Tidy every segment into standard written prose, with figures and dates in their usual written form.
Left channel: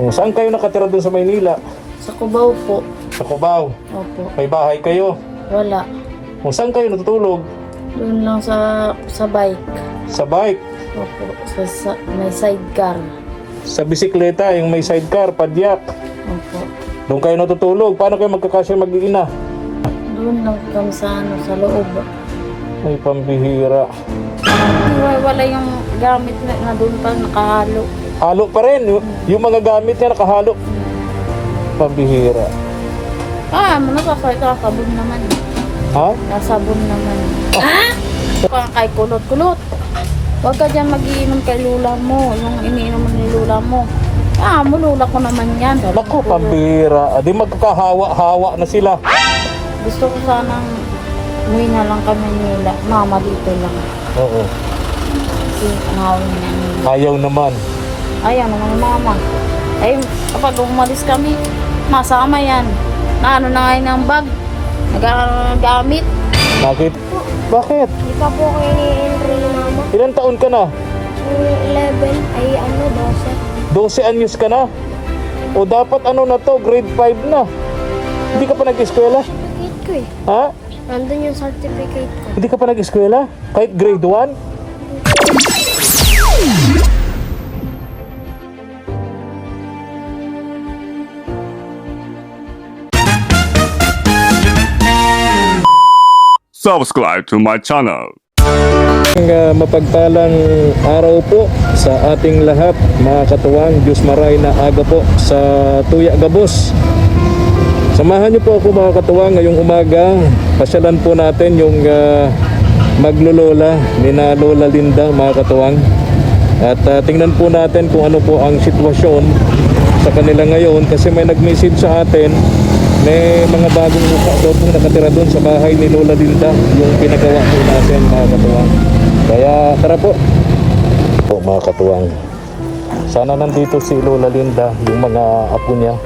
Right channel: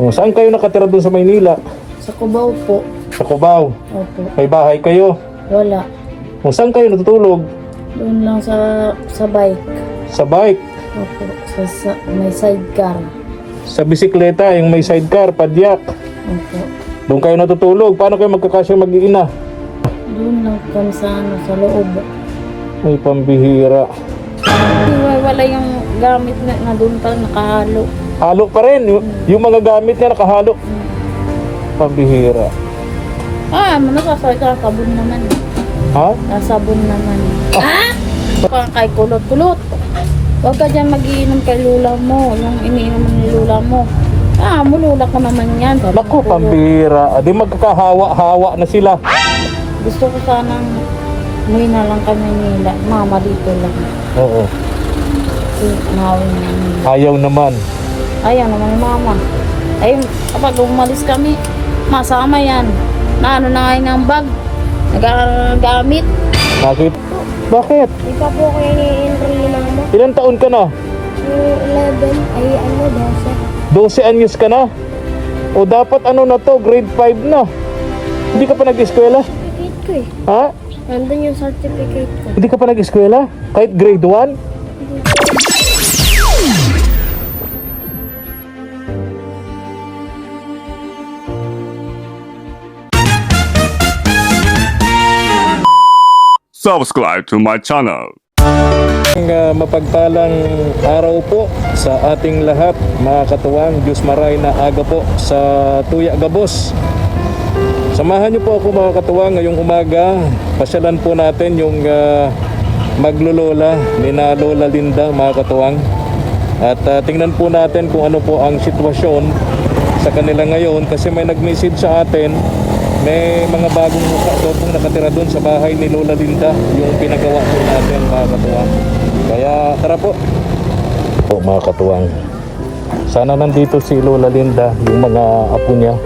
Oh, saan kayo nakatira doon sa Maynila? Sa Cubao po. Sa Cubao? Opo. May bahay kayo? Wala. Oh, saan kayo natutulog? Doon lang sa bike. Sa bike? Opo. May sidecar. Sa bisikleta, yung may sidecar, padyak? Opo. Doon kayo natutulog? Paano kayo magkakasya mag-iina? Doon lang kami sa loob. Ay, pambihira. Wala yung gamit na doon pa nakahalo. Halo pa rin. Yung mga gamit niya nakahalo. Pambihira. Nasasabon naman. Ha? Nasabon naman. Kay kulot-kulot. Huwag ka dyan mag-iinom kay lula mo. Yung iniinom ni lula mo. Mulula ko naman yan. Naku, pambihira. Di magkakahawa-hawa na sila. Gusto ko sanang umuwi na lang kami nila. Mama dito lang. Oo. Kasi anawin niya nila. Ayaw naman. Ayaw naman mama. Ay, kapag umalis kami, masama yan. Na ngayon ang bag. Nagagamit. Bakit? Bakit? Di pa po kayo ni-enroll ni mama. Ilang taon ka na? 11, ay 12 anyos ka na? O dapat na to, grade 5 na. Hindi ka pa nag-eskwela? Certificate ko eh. Ha? Nandun yung certificate ko. Hindi ka pa nag-eskwela? Kahit grade 1? Subscribe to my channel. Mapagpalang araw po sa ating lahat, mga katuwang. Diyos maray na aga po sa Tuya Gabos. Samahan niyo po ako, mga katuwang, ngayong umaga. Pasyalan po natin yung maglolola ni na Lola Linda, mga katuwang. At tingnan po natin kung ano po ang sitwasyon sa kanila ngayon, kasi may nag-message sa atin. May mga bagong mukha daw po nakatira doon sa bahay ni Lola Linda, yung pinagawa po natin, mga katuwang. Kaya tara po. Mga katuwang, sana nandito si Lola Linda, yung mga apo niya,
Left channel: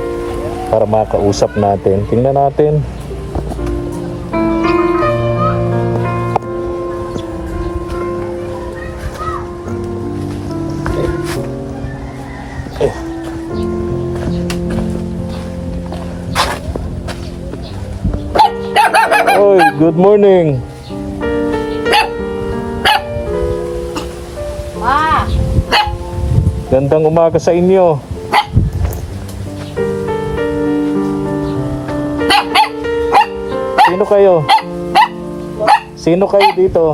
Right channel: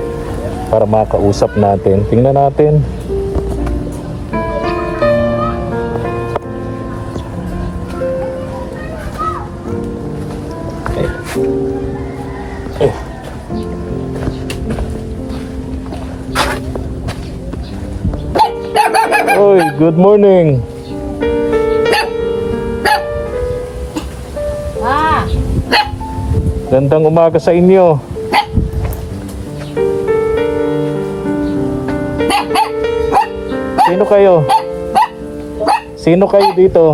para makausap natin. Tingnan natin. Oy, good morning. Gandang umaga sa inyo. Sino kayo? Sino kayo dito?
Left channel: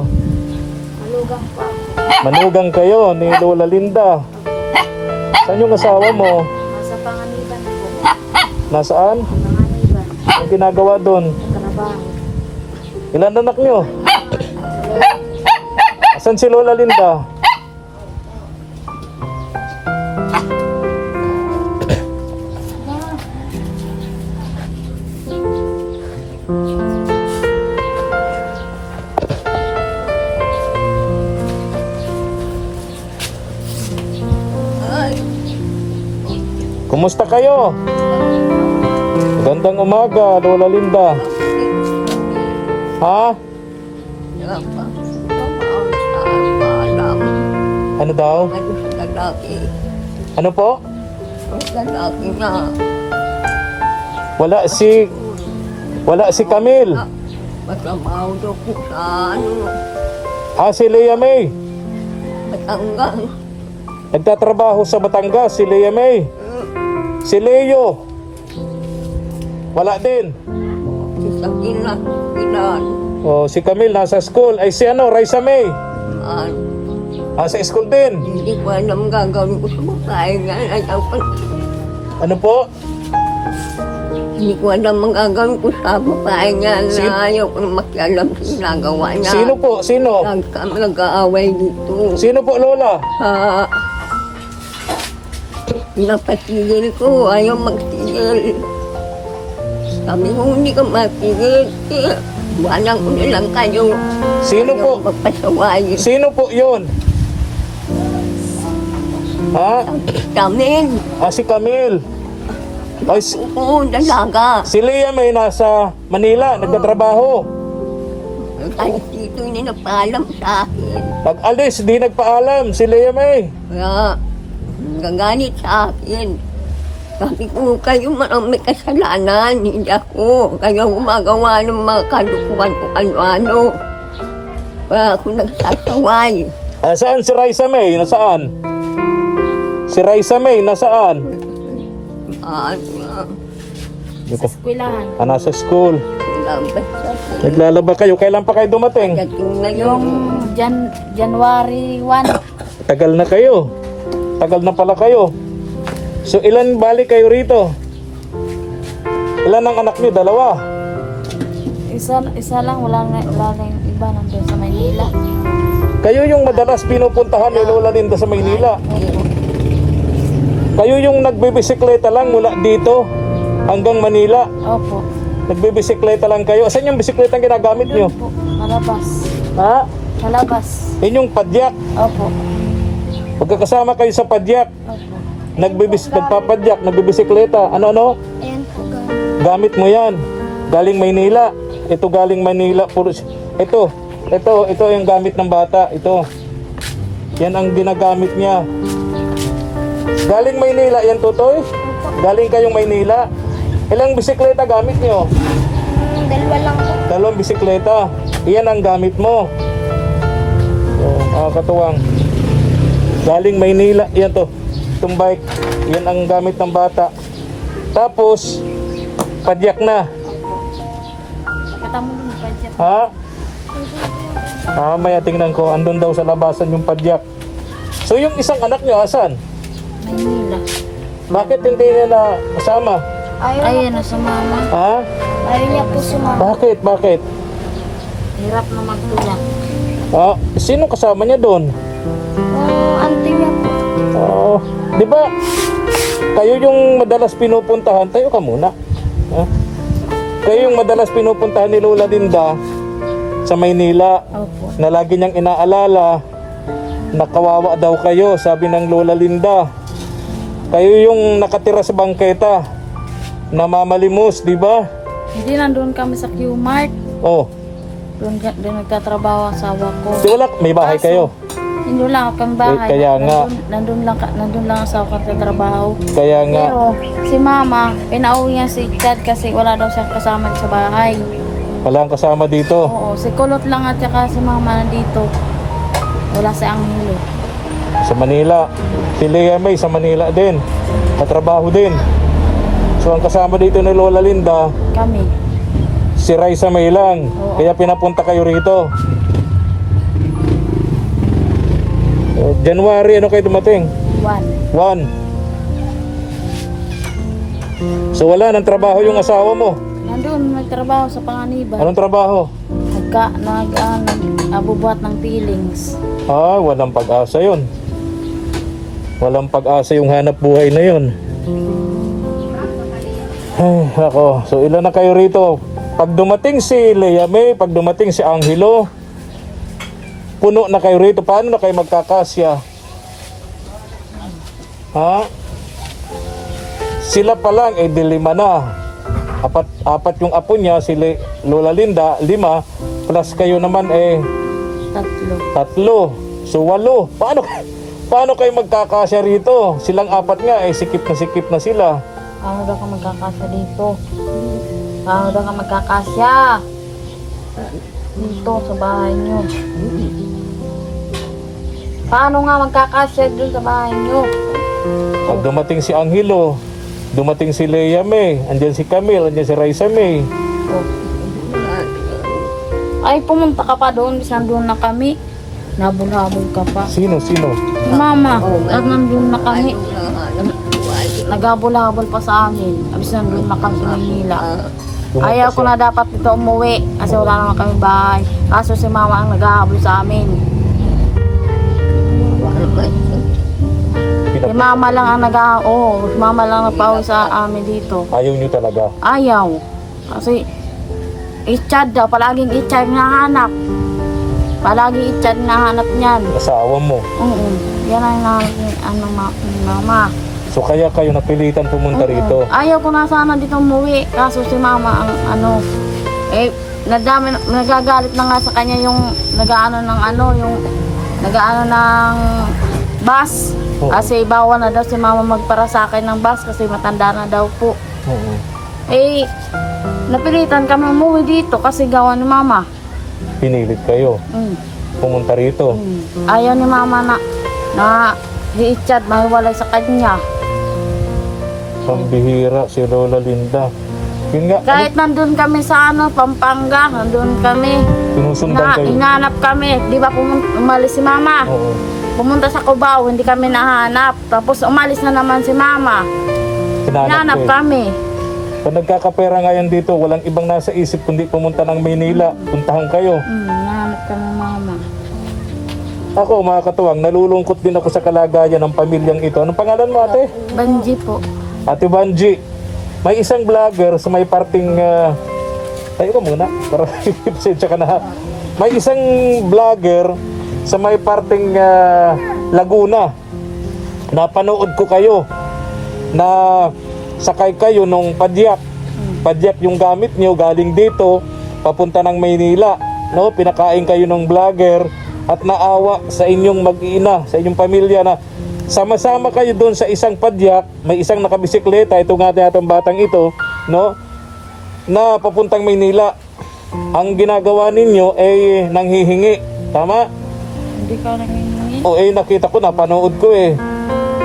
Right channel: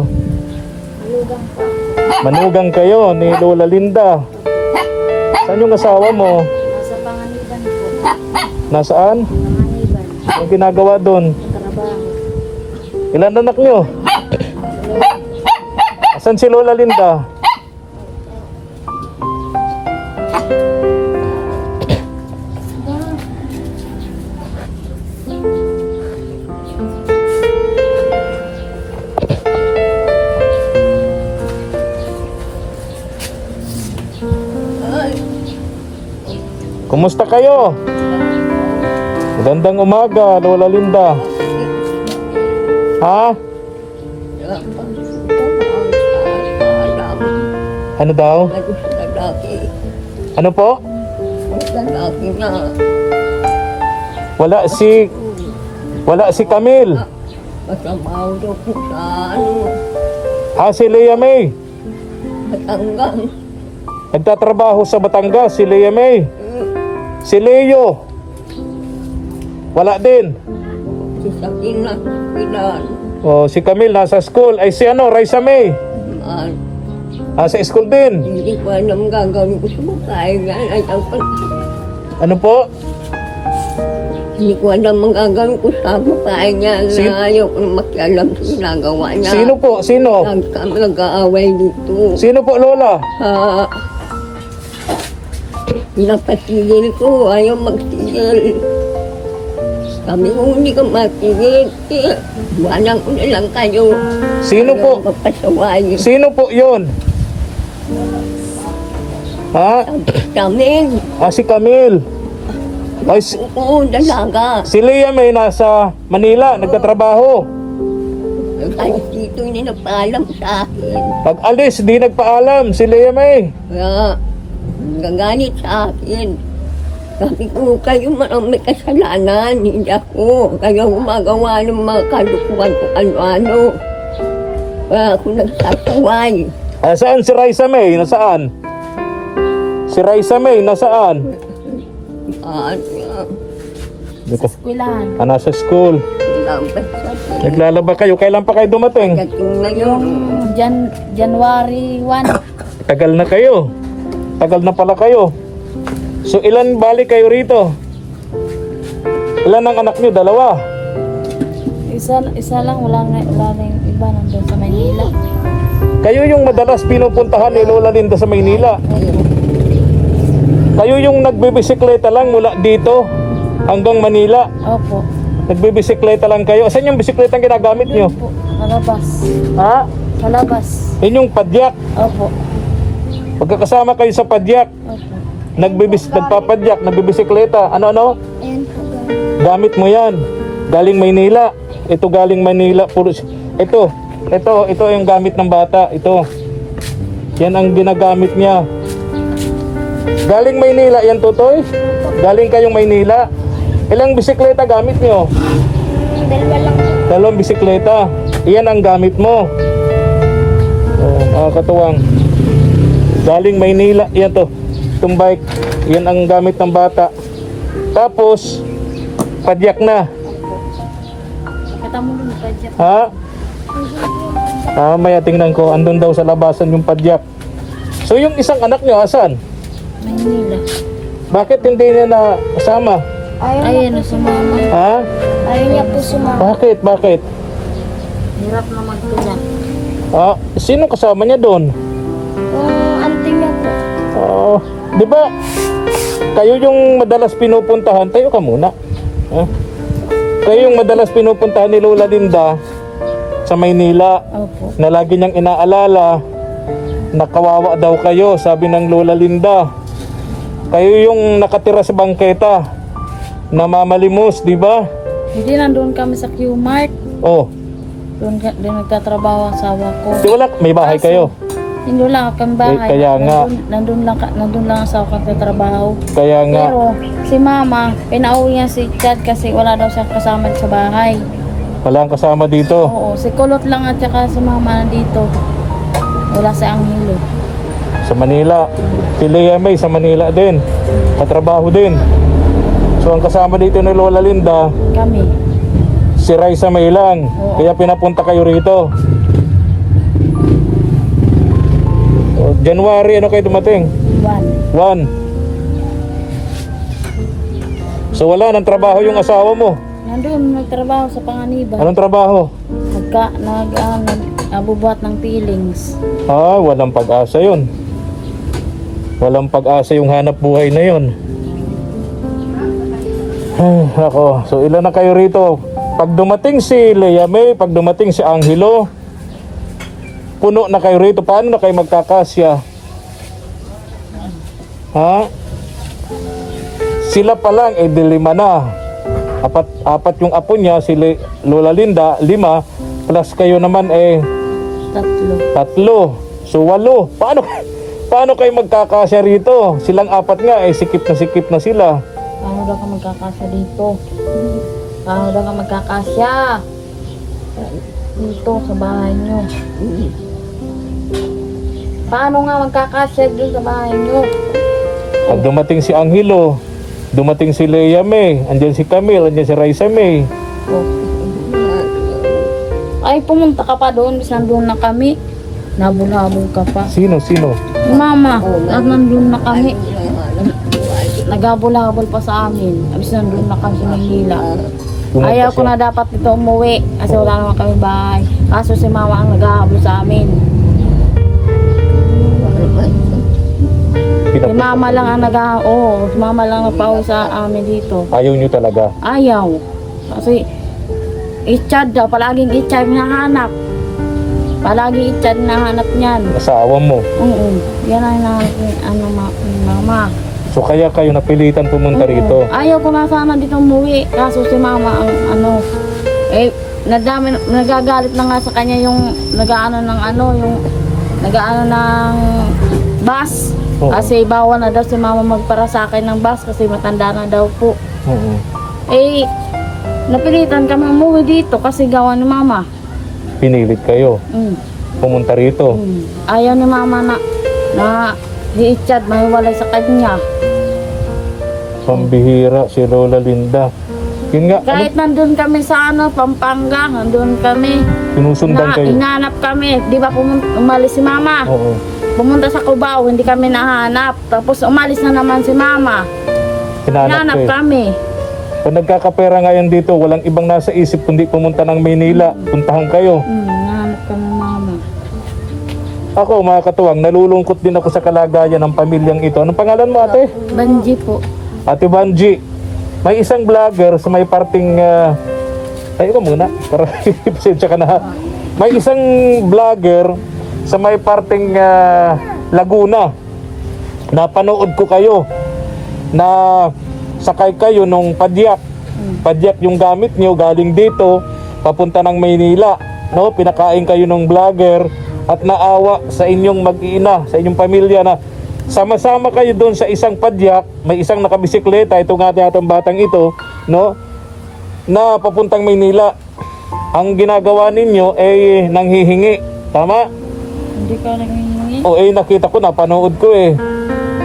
Malugang pa. Manugang kayo ni Lola Linda. Saan yung asawa mo? Nasa Panganiban po. Nasaan? Panganiban. Anong ginagawa doon? Trabaho. Ilan anak nyo? Asan si Lola Linda? Kumusta kayo? Gandang umaga, Lola Linda. Ha? Ano daw? Ano po? Wala si Camille. Masamaw daw po sa Si Lea May. Batangas. Nagtatrabaho sa Batangas, si Lea May. Si Leo. Wala din. Si Sakina, Pilan. Si Camille nasa school. Ay si Raisa May. Sa school din. Hindi ko alam gagawin ko sa babae nga. Ano po? Hindi ko alam ang gagawin ko sa babae nga na ayaw ko makialam sa ginagawa niya. Sino po? Sino? Kami nag-aaway dito. Sino po, Lola? Napatigil ko, ayaw magtigil. Sabi ko, hindi ka matigil. Buwanan ko na lang kayo. Sino po? Ayaw magpasaway. Sino po yun? Ha? Camille. Si Camille. Oo, dalaga. Si Lea May nasa Manila, nagtatrabaho. Ay, dito hindi nagpaalam sa akin. Pag alis, di nagpaalam si Lea May. Kaya, gaganit sa akin. Sabi ko, kayo marami kasalanan, hindi ako. Kayo gumagawa ng mga kalukuhan kung ano-ano. Kaya ako nagsasaway. Saan si Raisa May? Nasaan? Si Raisa May, nasaan? Dito. Eskwelahan. Nasa school. Naglalaba kayo. Kailan pa kayo dumating? Yung January 1. Tagal na kayo. Tagal na pala kayo. So ilan balik kayo rito? Ilan ang anak niyo? Dalawa? Isa lang, wala na yung iba nandun sa Maynila. Kayo yung madalas pinupuntahan ni Lola Linda sa Maynila. Kayo yung nagbibisikleta lang mula dito hanggang Manila. Opo. Nagbibisikleta lang kayo. Saan yung bisikleta ang ginagamit nyo? Doon po, palabas. Ha? Palabas. Yun yung padyak. Opo. Pagkakasama kayo sa padyak, Opo. nagpapadyak, nagbibisikleta. Ano? Ayan po, Gamit mo yan. Galing Maynila. Ito galing Manila. Ito yung gamit ng bata. Ito. Yan ang ginagamit niya. Galing Maynila yan, Totoy? Galing kayong Maynila. Ilang bisikleta gamit niyo? Dalawa lang po. Dalawang bisikleta. Iyan ang gamit mo. Katuwang. Galing Maynila. Yan to. Itong bike. Yan ang gamit ng bata. Tapos, padyak na. Nakita mo dun, padyak. Ha? Maya tingnan ko. Andun daw sa labasan yung padyak. So yung isang anak niyo, asan? Maynila. Bakit hindi niya na kasama? Ayan na sa mama. Ha? Ayaw niya po sumama. Bakit? Hirap na magtulak. Sino kasama niya doon? Yung auntie niya po. Di ba? Kayo yung madalas pinupuntahan. Tayo ka muna. Kayo yung madalas pinupuntahan ni Lola Linda sa Maynila. Opo. Na lagi niyang inaalala na kawawa daw kayo, sabi ng Lola Linda. Kayo yung nakatira sa bangketa, namamalimos, di ba? Hindi, nandun kami sa Q-Mart. Doon nagtatrabaho ang asawa ko. Di wala, may bahay kayo. Hindi lang kami bahay. Kaya nga. Nandun lang ang asawa ko nagtatrabaho. Kaya nga, Pero si mama, pinauwi niya si Chad kasi wala daw siya kasama sa bahay. walang kasama dito. Oo, si Kulot lang at saka si mama nandito. Wala si Anghelo. Sa Manila. Si Lea May sa Manila din. Katrabaho din. So ang kasama dito ni Lola Linda, Kami. si Raisa May lang. Oo. Kaya pinapunta kayo rito. January, ano kayo dumating? 1. 1. So wala nang trabaho yung asawa mo. Nandun, nagtrabaho sa Panganiban. Anong trabaho? Nag-abubuhat ng peelings. Walang pag-asa yun. Walang pag-asa yung hanap buhay na yun. Ako, so ilan na kayo rito? Pag dumating si Lea May, pag dumating si Anghelo, puno na kayo rito. Paano na kayo magkakasya? Sila pa lang, dilima na. Apat yung apo niya, si Lola Linda, 5, plus kayo naman 3. So 8. Paano kayo magkakasya rito? Silang 4 nga, sikip na sila. Paano daw ka magkakasya dito? Paano daw ka magkakasya? Dito sa bahay nyo. Paano nga magkakasya dito sa bahay nyo? Pag dumating si Anghelo, dumating si Lea May, andyan si Camille, andyan si Raisa May. Ay, pumunta ka pa doon, bis nandun na kami. Nabulhabol ka pa. Sino? Yung mama, at nandun na kami. Nagabulhabol pa sa amin. Abis nandun na kami sa Maynila. Ayaw ko na dapat dito umuwi kasi wala naman kami bahay. Kaso si mama ang naghahabol sa amin. Si mama lang ang si mama lang nagpauwi sa amin dito. Ayaw nyo talaga. Ayaw. Kasi Itchad daw, palaging Itchad hinahanap. Palaging Itchad hinahanap niyan. Asawa mo. Yan ang mama. So kaya kayo napilitan pumunta rito. Ayaw ko na sana dito umuwi. Kaso si mama ang nagagalit na nga sa kanya yung nag-aano ng bus. Oo. Kasi bawal na daw si mama magparasakay ng bus kasi matanda na daw po. Oo. Eh, napilitan kami umuwi dito kasi gawa ni mama. Pinilit kayo Mm. pumunta rito. Ayaw ni mama na si Ichad mahiwalay sa kanya. Pambihira si Lola Linda. Yun nga, Kahit nandun kami sa Pampanga, nandun kami, sinusundan kayo. hinanap kami. Di ba umalis si mama? Oo. Pumunta sa Cubao, hindi kami nahanap. Tapos umalis na naman si mama. Hinanap kayo. kami. Kung nagkakapera ngayon dito, walang ibang nasa isip kundi pumunta ng Maynila. Puntahan kayo. Hinanap kami mama. Ako, mga katuwang, nalulungkot din ako sa kalagayan ng pamilyang ito. Anong pangalan mo, ate? Banji po. Ate Banji. May isang vlogger sa may parting... Ay, ikaw muna. Para pasensya ka na. Ha? May isang vlogger sa may parting Laguna. Napanood ko kayo na sakay kayo nung padyak. Padyak yung gamit nyo galing dito papunta ng Maynila. No? Pinakain kayo ng vlogger at naawa sa inyong mag-iina, sa inyong pamilya na sama-sama kayo doon sa isang padyak, may isang nakabisikleta, ito nga atong batang ito, no? Na papuntang Maynila. Ang ginagawa ninyo ay nanghihingi. Tama? Hindi ka nangingi. O nakita ko, napanood ko eh.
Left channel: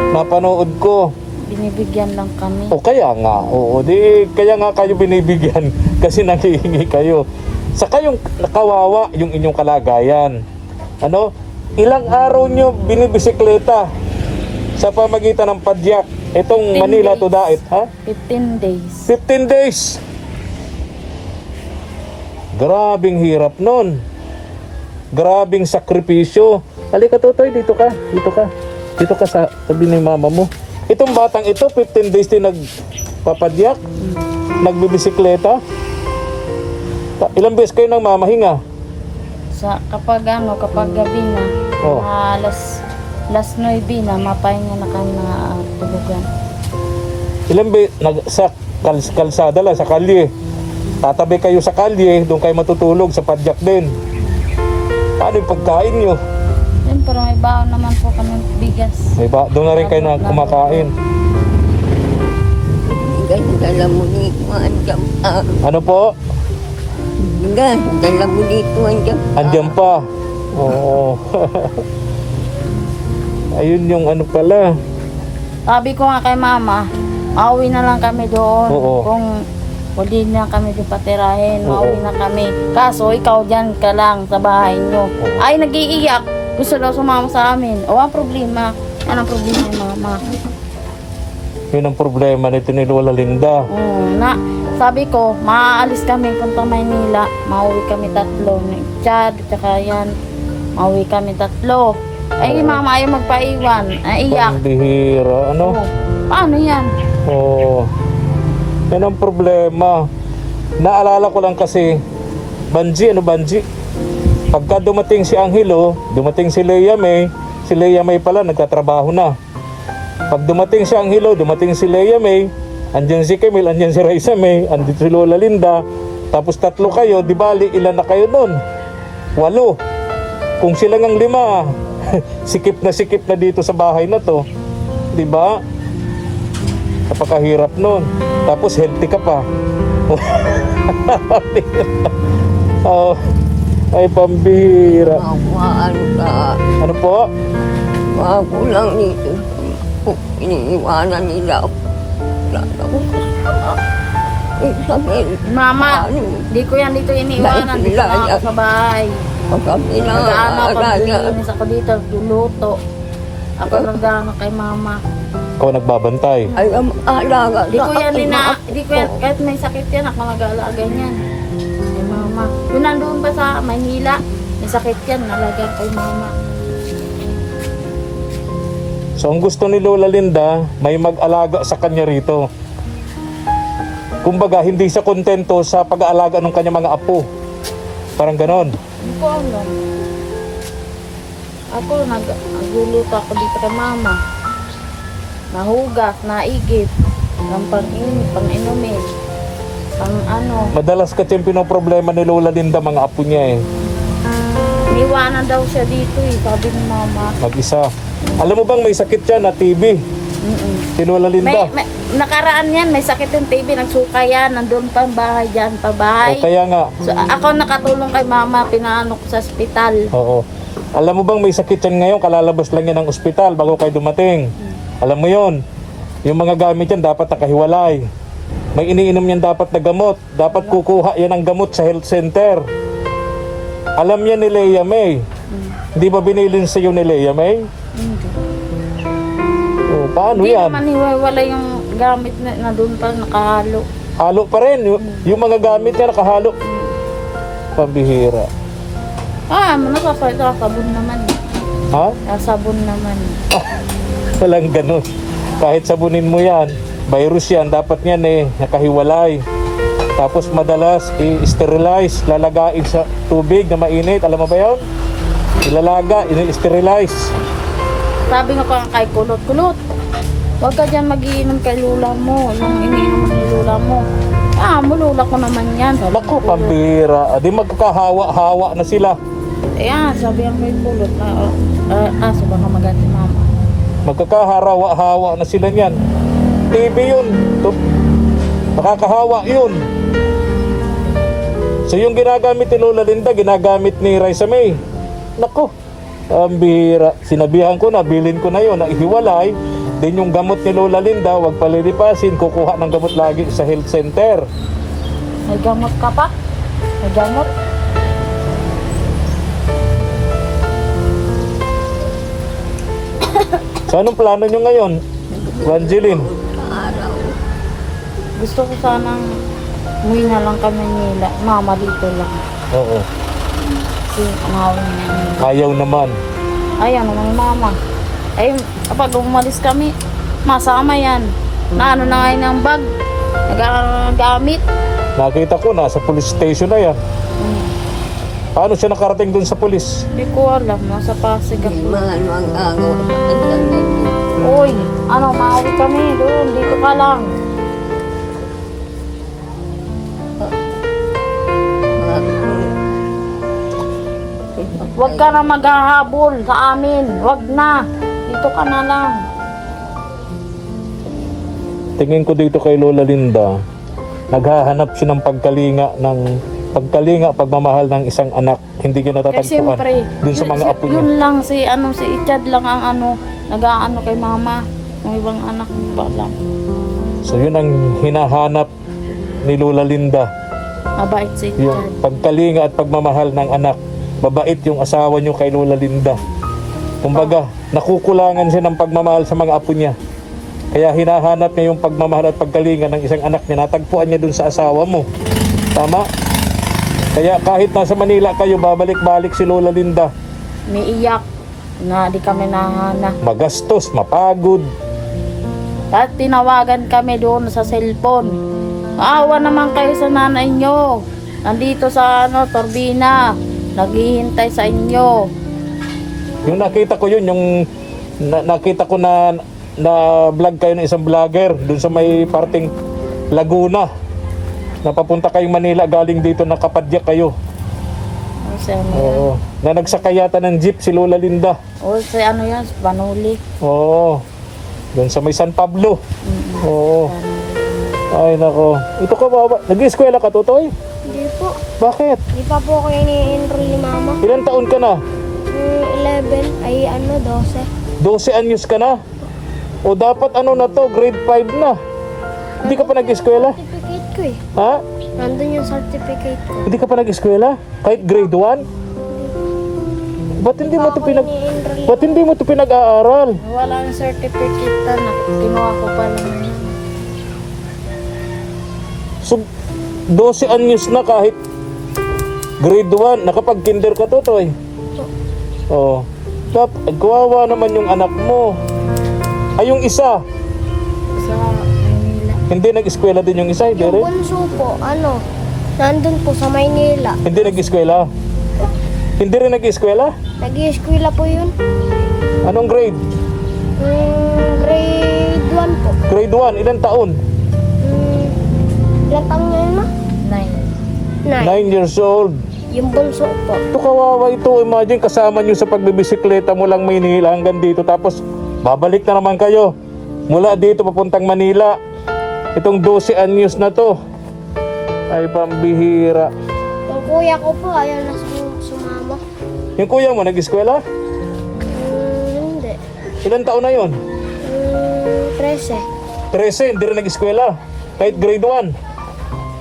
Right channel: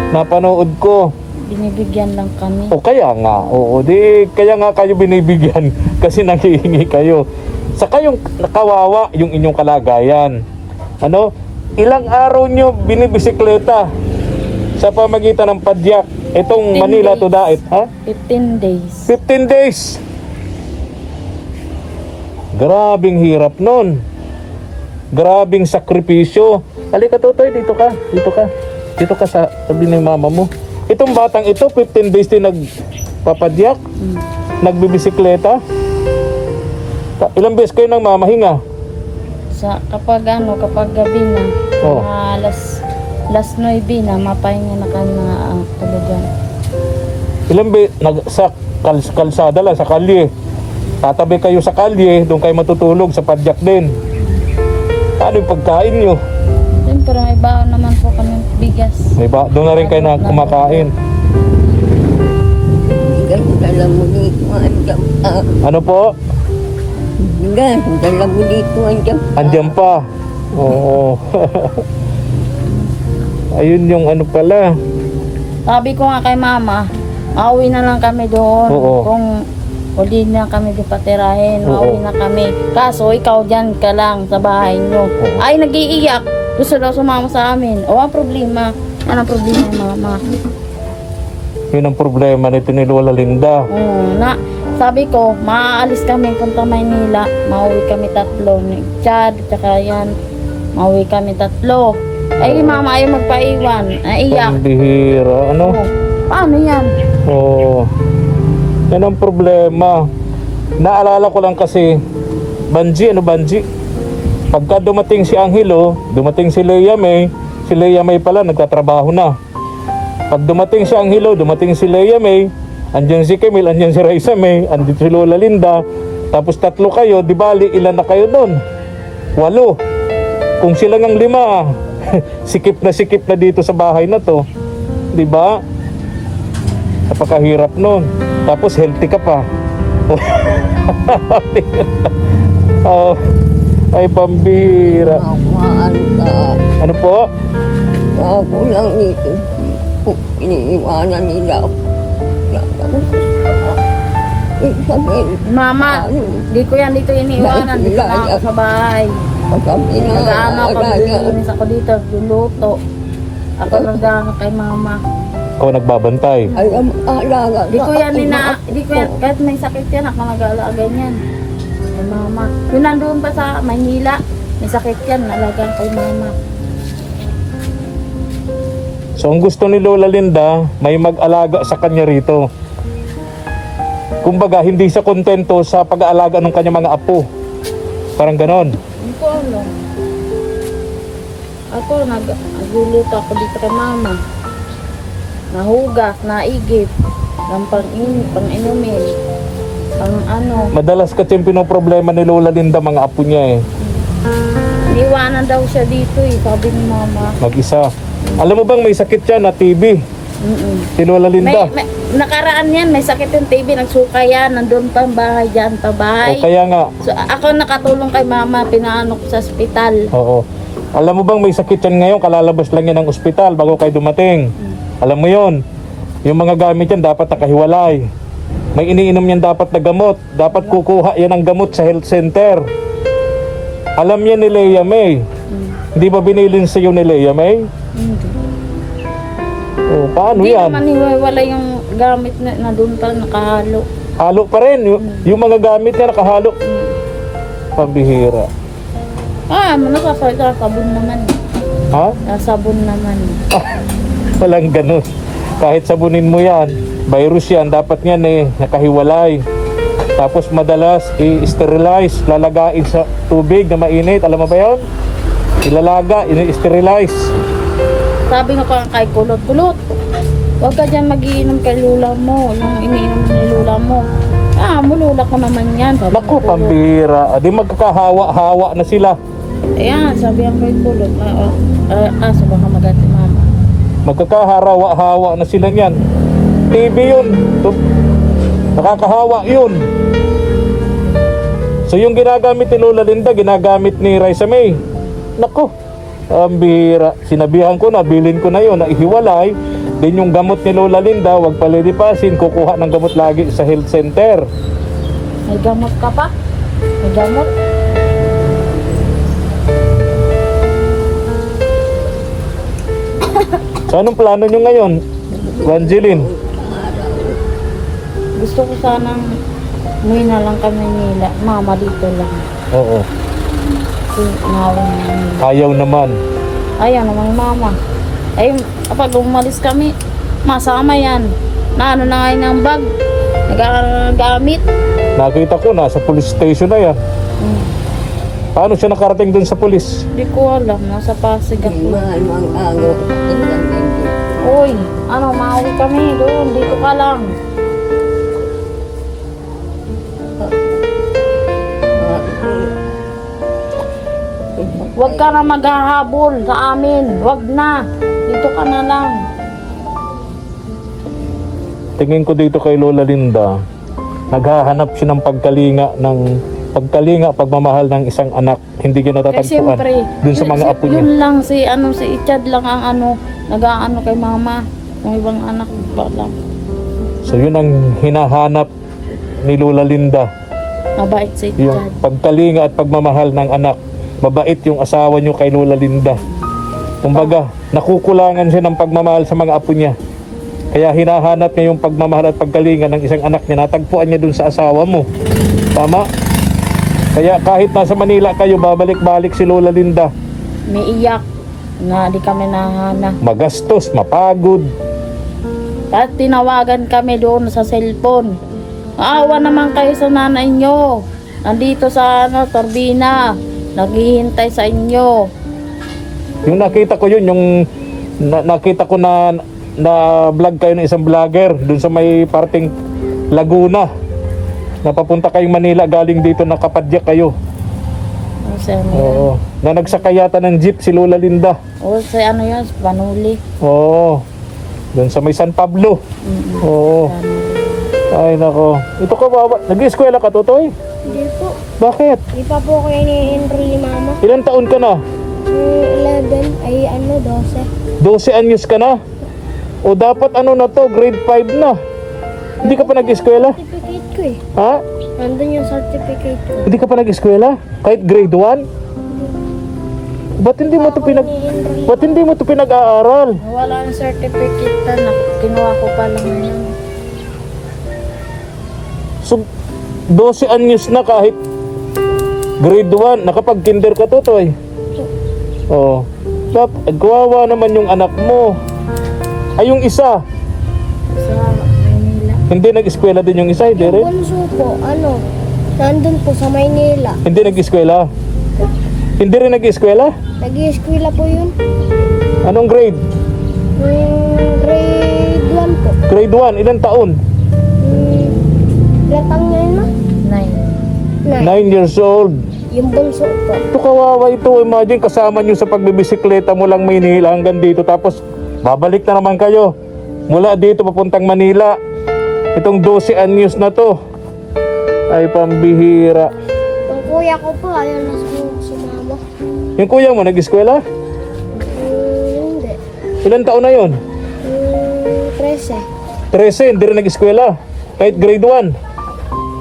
Napanood ko. Binibigyan lang kami. O kaya nga, oo, di kaya nga kayo binibigyan kasi nanghihingi kayo. Sa kayong kawawa yung inyong kalagayan. Ano? Ilang araw nyo binibisikleta sa pamagitan ng padyak. Itong 15 Manila to days. Daet, ha? 15 days. 15 days. Grabing hirap nun. Grabing sakripisyo. Halika Totoy, dito ka. Dito ka. Dito ka sa tabi ng mama mo. Itong batang ito, 15 days din nagpapadyak. Nagbibisikleta. Ilang beses kayo nang mamahinga? Kapag gabi na, Oh. mga alas 9 na, mapahinga na kami mga tulugan. Ilang beses sa kalsada lang, sa kalye. Tatabi kayo sa kalye, doon kayo matutulog sa padyak din. Paano yung pagkain nyo? Siyempre may baon naman po kami bigas. Diba? Doon na rin kayo na kumakain. Dala mo dito andyan pa. Ano po? Dala mo dito andyan pa. Andyan pa. Oo. Ayun yung ano pala. Sabi ko nga kay mama, mauwi na lang kami doon. Oo. Kung hindi na kami di patirahin, Oo. mauwi na kami. Kaso ikaw dyan ka lang sa bahay nyo. Oo. Ay, nag-iiyak. Gusto daw sumama sa amin. O, ang problema. Yan ang problema ni mama. Yun ang problema nito ni Lola Linda. Sabi ko, maaalis kami punta Maynila. Mauwi kami tatlo. Ni Chad, tsaka yan. Mauwi kami tatlo. Ay, mama ayaw magpaiwan. Iyak. Pambihira. Ano? Oh, paano yan? Oo. Yan ang problema. Naalala ko lang kasi, Banji, ano Banji? Pagka dumating si Angelo, dumating si Leia May pala nagtatrabaho na. Pag dumating si Angelo, dumating si Leia May, andyan si Camille, andyan si Raisa May, andyan si Lola Linda, tapos tatlo kayo, di bali ilan na kayo nun? 8. Kung sila ngang 5, sikip na dito sa bahay na to. Di ba? Napakahirap nun. Tapos healthy ka pa. Oh, ay pambira. Mawaan ka. Ano po? Ako lang dito. Iniiwanan nila ako. Wala akong kasama. Isabel. Mama, di ko yan dito iniiwanan. Dito na ako sa bahay. Kami na Nag-ano ako, alaga. lilinis ako dito, luluto. Ako nag-ano kay mama. Ikaw nagbabantay. Ay, ang alaga. Di ko yan kahit may sakit yan, ako nag-aalaga niyan. Kay mama. Yun nandoon pa sa Maynila, may sakit yan, nalagang kay mama. So ang gusto ni Lola Linda, may mag-alaga sa kanya rito. Kumbaga, hindi siya kontento sa pag-aalaga ng kanyang mga apo. Parang ganon. Hindi ko alam. Ako, nagluluto ako dito kay mama. Nahugas, naigip, ng pang-inumin, pang ano. Madalas kasi yung pinoproblema ni Lola Linda, mga apo niya eh. Niwanan daw siya dito sabi ni mama. Mag-isa. Alam mo bang may sakit yan na TB? Si Lola Linda. May nakaraan yan, may sakit yung TB, nagsuka yan, nandun pa ang bahay dyan, pa O bahay. kaya nga, So, ako nakatulong kay mama, pinaano ko sa ospital. oo. Alam mo bang may sakit yan ngayon, kalalabas lang yan ng ospital bago kayo dumating. Alam mo yon. Yung mga gamit yan dapat nakahiwalay. May iniinom yan dapat na gamot. Dapat kukuha yan ng gamot sa health center. Alam yan ni Leia May. Hindi ba binilin sa iyo ni Leia May? Hindi. Oh, paano Hindi yan? naman hiwala yung gamit na doon pa nakahalo. Halo pa rin. Yung mga gamit niya nakahalo. Pambihira. Nasasabon naman. Ha? Nasabon naman. Walang ganun. Kahit sabunin mo yan, virus yan, dapat yan nakahiwalay. Tapos madalas i-sterilize, lalagain sa tubig na mainit. Alam mo ba yun? Ilalaga, i-sterilize. Sabi nga ko kay Kulot, huwag ka dyan mag-iinom kay lula mo. Yung iniinom ni lula mo. Lula ko naman yan. Sabi Naku, ni Kulot. pambira. Di magkakahawa-hawa na sila. Ayan, sabi nga kay Kulot na, kaso baka magati mama. Magkakaharawa-hawa na sila niyan. TB yun. Nakakahawa yun. So yung ginagamit ni Lola Linda, ginagamit ni Raisa May. Naku, ang bihira. Sinabihan ko na, bilin ko na yun, na ihiwalay. Din yung gamot ni Lola Linda, wag palilipasin, kukuha ng gamot lagi sa health center. May gamot ka pa? May gamot? So anong plano nyo ngayon, Evangeline? Gusto ko sanang umuwi na lang kami nila. Mama dito lang. Oo, Kasi umawin na nila. ayaw naman. Ayaw naman mama. Ay, kapag umalis kami, masama yan. Na ano na ngayon ang bag. Nagagamit. Nakita ko, nasa police station na yan. Paano siya nakarating dun sa police? Hindi ko alam. Nasa Pasig ako. Mahal ang agaw sa kanyang ganyan. Uy, mauwi kami doon. Dito ka lang. Huwag ka na maghahabol sa amin. Huwag na. Dito ka na lang. Tingin ko dito kay Lola Linda, maghahanap siya ng pagkalinga, pagmamahal ng isang anak. Hindi ko Eh natatagpuan siyempre, dun sa mga apo niya. yun lang si Ichad lang ang nag-aano kay mama. Yung ibang anak, ba lang. So yun ang hinahanap ni Lola Linda, Mabait si yung Ichad. pagkalinga at pagmamahal ng anak. Mabait yung asawa niyo kay Lola Linda. Kumbaga, nakukulangan siya ng pagmamahal sa mga apo niya. Kaya hinahanap niya yung pagmamahal at pagkalinga ng isang anak niya. Natagpuan niya dun sa asawa mo. Tama? Kaya kahit nasa Manila kayo, babalik-balik si Lola Linda. May iyak na di kami nahanap. Magastos, mapagod. At tinawagan kami doon sa cellphone. Maawa naman kayo sa nanay nyo. Nandito sa Turbina. Naghihintay sa inyo. Yung nakita ko yun, yung nakita ko na vlog kayo ng isang vlogger dun sa may parting Laguna. Napapunta kayong Manila, galing dito, nakapadyak kayo. Kasi ano yan? Oo. Na nagsakayata ng jeep si Lola Linda. O sa ano yan? Panuli. Oo. Dun sa may San Pablo. Oo. Panuli. Ay nako. Ito ka ba? Nag-eskwela ka, Totoy? Hindi po. Bakit? Di pa po ako ini-enroll ni mama. Ilan taon ka na? 11, ay 12. 12 anyos ka na? O dapat na to, grade 5 na. Hindi ka pa nag-eskwela? Certificate ko eh. Ha? Nandun yung certificate ko. Hindi ka pa nag-eskwela? Kahit grade 1? Ba't hindi mo to Ini-enroll. Ba't hindi mo to pinag-aaral? Wala ang certificate na. Kinuha ko pa lang na yan. So, 12 anyos na kahit grade 1, nakapag-kinder ka, Totoy. Oo. Kawawa naman yung anak mo. Ay, yung isa, Sa Manila. hindi nag-eskwela din yung isa, hindi Yung rin? bunso po, nandun po sa Maynila. Hindi nag-eskwela? Hindi rin nag-eskwela? Nag-i-eskwela po yun. Anong grade? Grade 1 po. Grade 1, ilang taon? Ilang taon niya yun ma? 9. 9. 9 years old. Yung bunso po. Ito kawawa ito. Imagine kasama nyo sa pagbibisikleta mo lang Maynila hanggang dito. Tapos babalik na naman kayo. Mula dito papuntang Manila. Itong 12 anyos na to. Ay pambihira. Yung kuya ko po, ayaw na sumama. Yung kuya mo nag-eskwela? Hindi. Ilan taon na yon? 13. 13, hindi rin nag-eskwela. Kahit grade 1.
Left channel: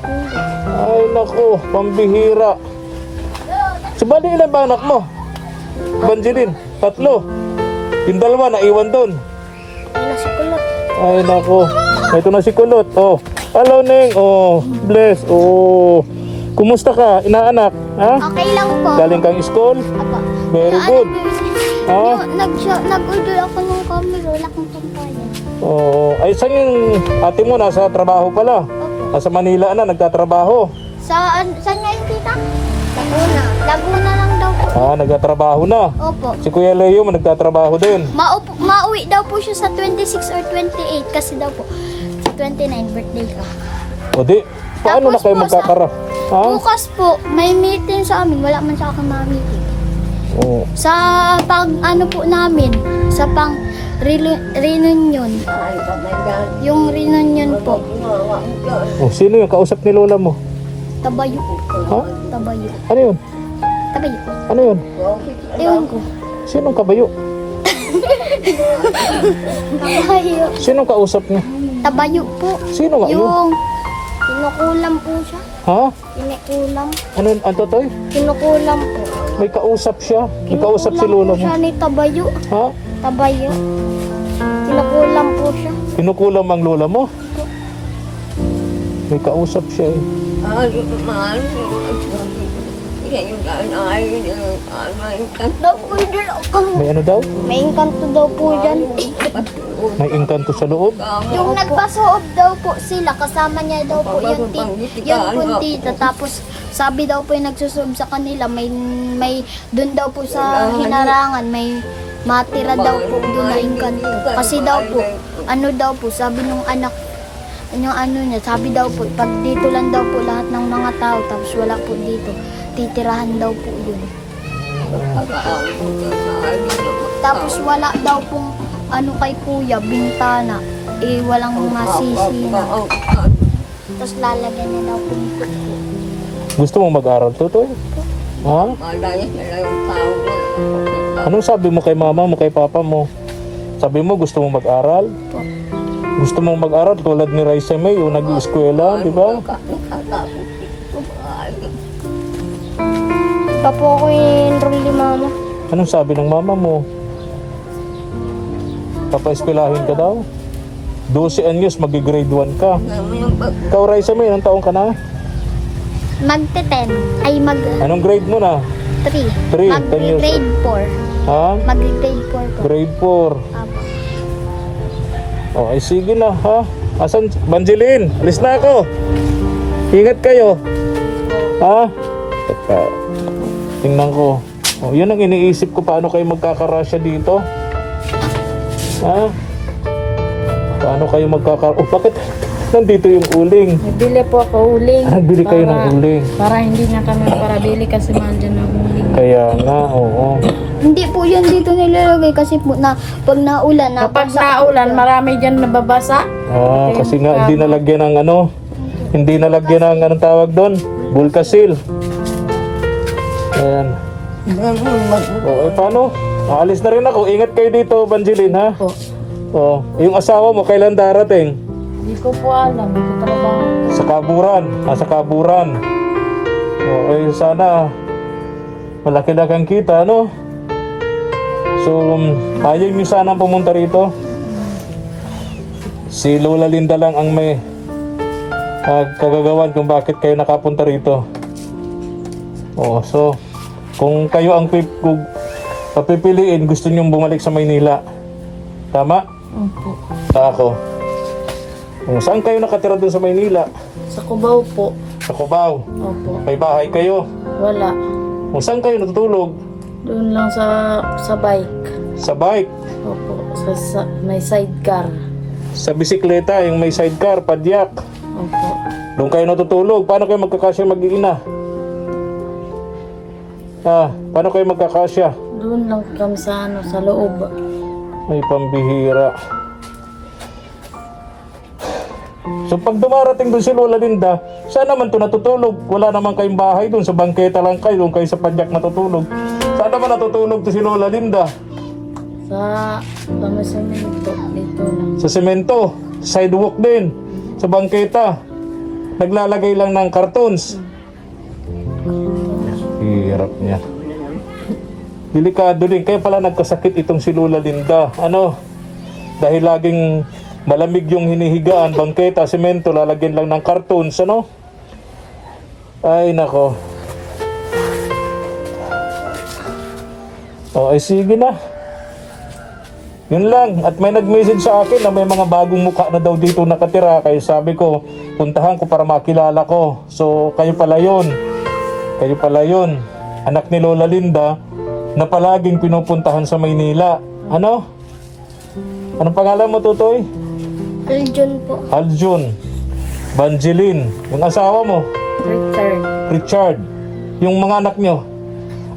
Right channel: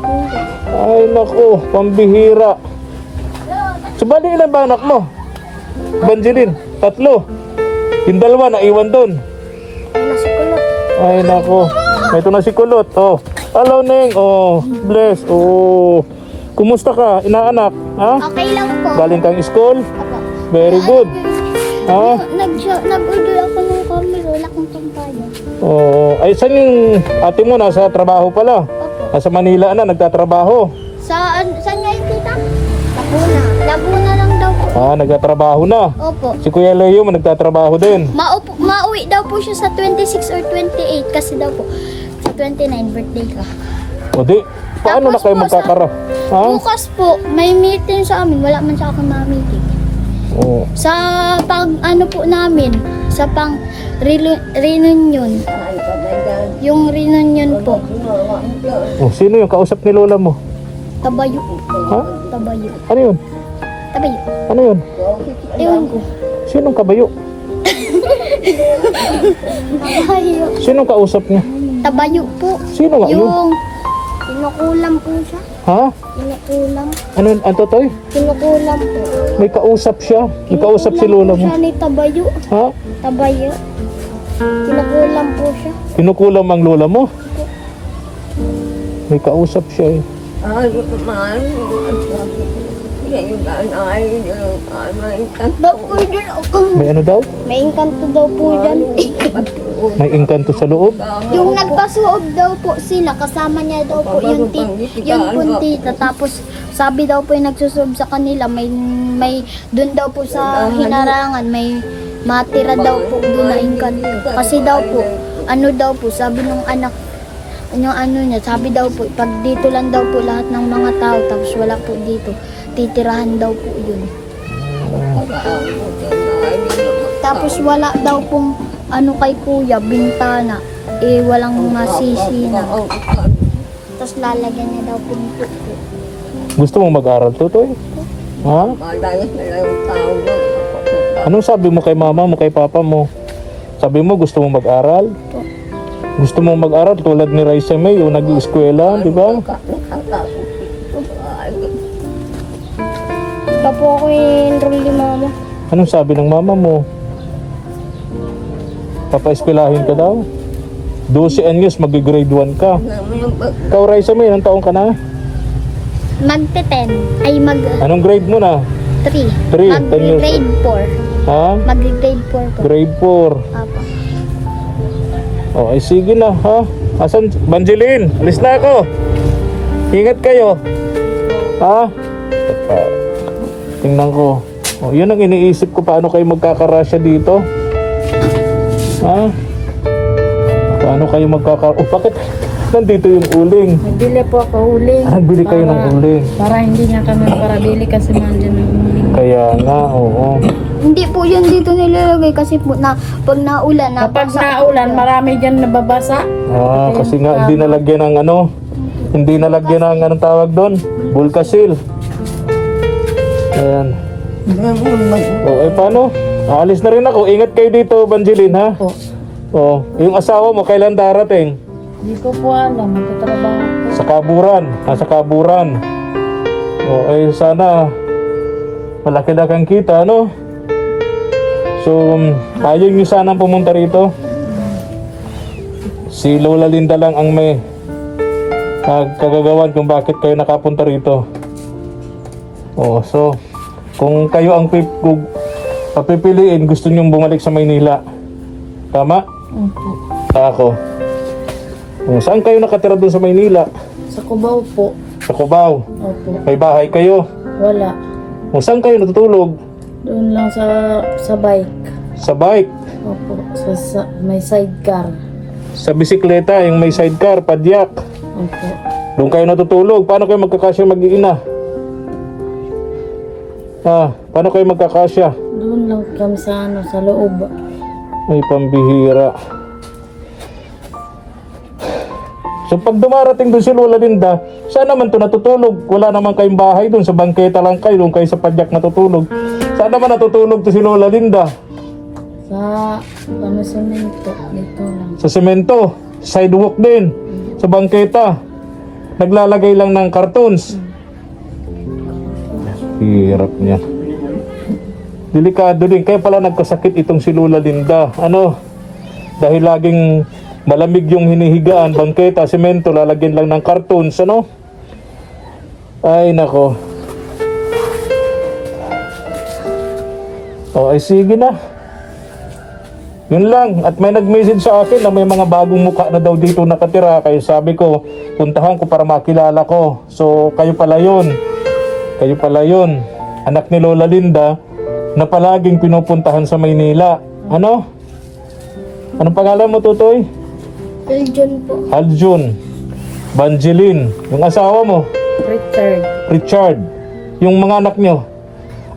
Hindi. Ay naku, pambihira. Subali ilan ba anak mo? Banjilin, 3. Yung 2 naiwan doon. Ay, nasikulot. Ay naku, ito na si Kulot. Oh, hello Neng. Oh, bless. Oh, kumusta ka, inaanak? Ha? Okay lang po. Galing kang school? Apo. Very good. Ha? Nag-order ako ng camera, wala kang pampayo. Oh, ay saan yung ate mo nasa trabaho pala? Opo. Nasa Manila na nagtatrabaho. Saan nga yung tita? Laguna. Laguna lang daw po. Ah, nagtatrabaho na. Opo. Si Kuya Leo mo nagtatrabaho din. Mauwi daw po siya sa 26 or 28 kasi daw po sa 29 birthday ka. O di, paano na Tapos kayo po, magkakara? Ha? Bukas po, may meeting sa amin. Wala man sa akin ma-meeting. Oh. Sa pag ano po namin, sa pang reunion. Ay, pagandaan. Yung reunion po, Ginawa mo dyan. Oh, sino yung kausap ni Lola mo? tabayo. Ha? Tabayo. Ano yun? Tabayo. Ano yun? Ewan ko. Sinong kabayo? Tabayo. Sinong kausap niya? Tabayo po. Sino nga yun? Yung kinukulam po siya. Ha? Kinukulam. Ano yun? Ano to? Kinukulam po. May kausap siya? May kausap si Kinukulam Lola po mo? siya ni Tabayo. Ha? Tabayo. Kinukulam po siya. Kinukulam ang Lola mo? May kausap siya eh. Ay, man. Yan yung ganay. Daw po dyan ako. May ano daw? May engkanto daw po dyan. May engkanto sa loob? Yung nagpasuob daw po sila, kasama niya daw po yung puntita. Tapos sabi daw po yung nagsusuob sa kanila, may doon daw po sa hinarangan, may matira daw po doon na engkanto. Kasi daw po, ano daw po, sabi nung anak, yung ano niya, sabi daw po, pag dito lang daw po lahat ng mga tao, tapos wala po dito, titirahan daw po yun. Tapos wala daw pong ano kay kuya, bintana, walang masisina. Tapos lalagyan niya daw pinto po. Gusto mo mag-aral, Tutoy? Ha? Malayas na lang yung tao doon. Anong sabi mo kay mama mo, kay papa mo? Sabi mo gusto mo mag-aral? Po. Gusto mo mag-aral tulad ni Raisa May, yung nag-eskwela, di ba? Pa po ako enroll ni mama. Anong sabi ng mama mo? Papa-eskwelahin ka daw? 12 anyos, mag-grade 1 ka. Ikaw, Raisa May, ilang taong ka na? Magte-10. Ay, Anong grade mo na? 3. 3, 10 years Mag-grade 4. Ha? Mag-grade 4 po. Grade 4. Apo. Oh, ay sige na, ha? Asan? Banjilin, alis na ako. Ingat kayo. Ha? Teka. Tingnan ko. Oh, yun ang iniisip ko, paano kayo magkakarasya dito? Ha? Paano kayo Oh, bakit nandito yung uling? Nagbili po ako uling. Nagbili kayo ng uling. Para hindi na kami parabili kasi mahal dyan ng uling. Kaya nga, oo. Hindi po yun dito nilalagay kasi po na pag naulan na Kapag naulan, marami dyan nababasa. Ah, kasi nga hindi nalagyan ng ano, hindi nalagyan ng anong tawag doon, Bulkasil. Ayan. Oh, eh paano? Aalis na rin ako. Ingat kayo dito, Banjilin, ha? Po. Oh, yung asawa mo kailan darating? Hindi ko po alam, magtatrabaho po. Sa Kaburan, nasa Kaburan. Oh, eh sana malaki na kang kita, no? So, ayaw nyo sanang pumunta rito. Si Lola Linda lang ang may kagagawan kung bakit kayo nakapunta rito. Oh, so, kung kayo ang papipiliin, gusto nyong bumalik sa Maynila. Tama? Opo. Ako. Oh, saan kayo nakatira doon sa Maynila? Sa Cubao po. Sa Cubao. Opo. May bahay kayo. Wala. O saan kayo natutulog? Doon lang sa bike. Sa bike, Opo. May sidecar. sa bisikleta, yung may sidecar, padyak. Opo. Doon kayo natutulog. Paano kayo magkakasya mag-iina? Paano kayo magkakasya? Doon lang kami sa sa loob. Ay, pambihira. So pag dumarating doon si Lola Linda, saan naman to natutulog? Wala naman kayong bahay doon, sa bangketa lang kayo, doon kayo sa padyak natutulog. Saan naman natutulog to si Lola Linda? Sa semento, dito lang. Sa semento, sidewalk din, sa bangketa. Naglalagay lang ng cartons. Hirap niya. Delikado din. Kaya pala nagkasakit itong si Lola Linda. Dahil laging malamig yung hinihigaan, bangketa, semento, lalagyan lang ng cartons, Ay, nako. Ay, sige na. Yun lang. At may nag-message sa akin na may mga bagong mukha na daw dito nakatira. Kaya sabi ko, puntahan ko para makilala ko. So, kayo pala yun. Kayo pala yun. Anak ni Lola Linda na palaging pinupuntahan sa Maynila. Anong pangalan mo, Tutoy? Aljun po. Aljun. Banjeline. Yung asawa mo? Richard. Yung mga anak nyo?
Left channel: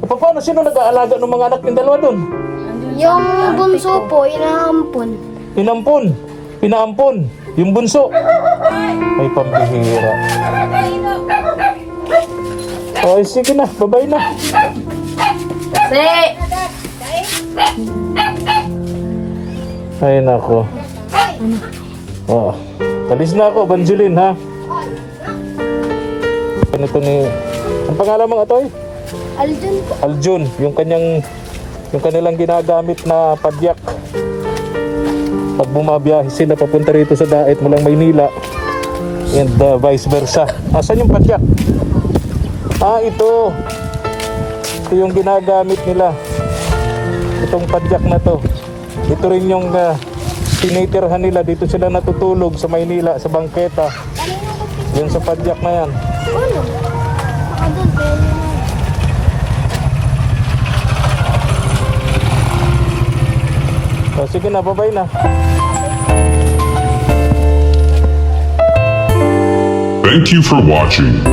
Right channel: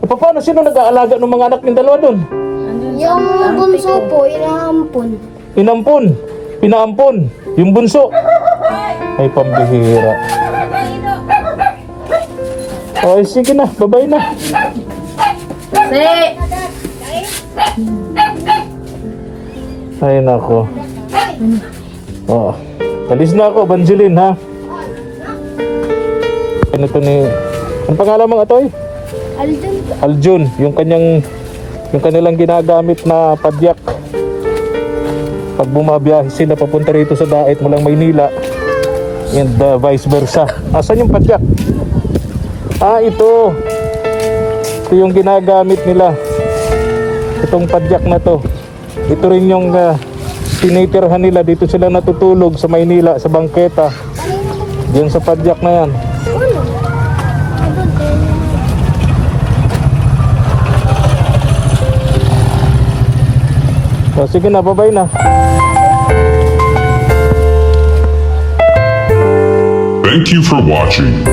Paano? Sino nag-aalaga ng mga anak ng dalawa doon? Yung bunso po, inaampon. Pinaampon. Yung bunso. Ay, pambihira. Ay, sige na. Babay na. Ay, nako. Alis na ako, Banjeline, ha? Ganito ni... Ang pangalan mo, Atoy? Aljun po. Aljun. Yung kanilang ginagamit na padyak. Pag bumabiyahe sila papunta rito sa Daet mulang Maynila. And vice versa. Asan yung padyak? Ito. Ito yung ginagamit nila. Itong padyak na to. Ito rin yung tinitirhan nila. Dito sila natutulog sa Maynila, sa bangketa. Diyan sa padyak na yan. Uno. Baka doon, kaya yun. Sige na, bye-bye na. Thank you for watching.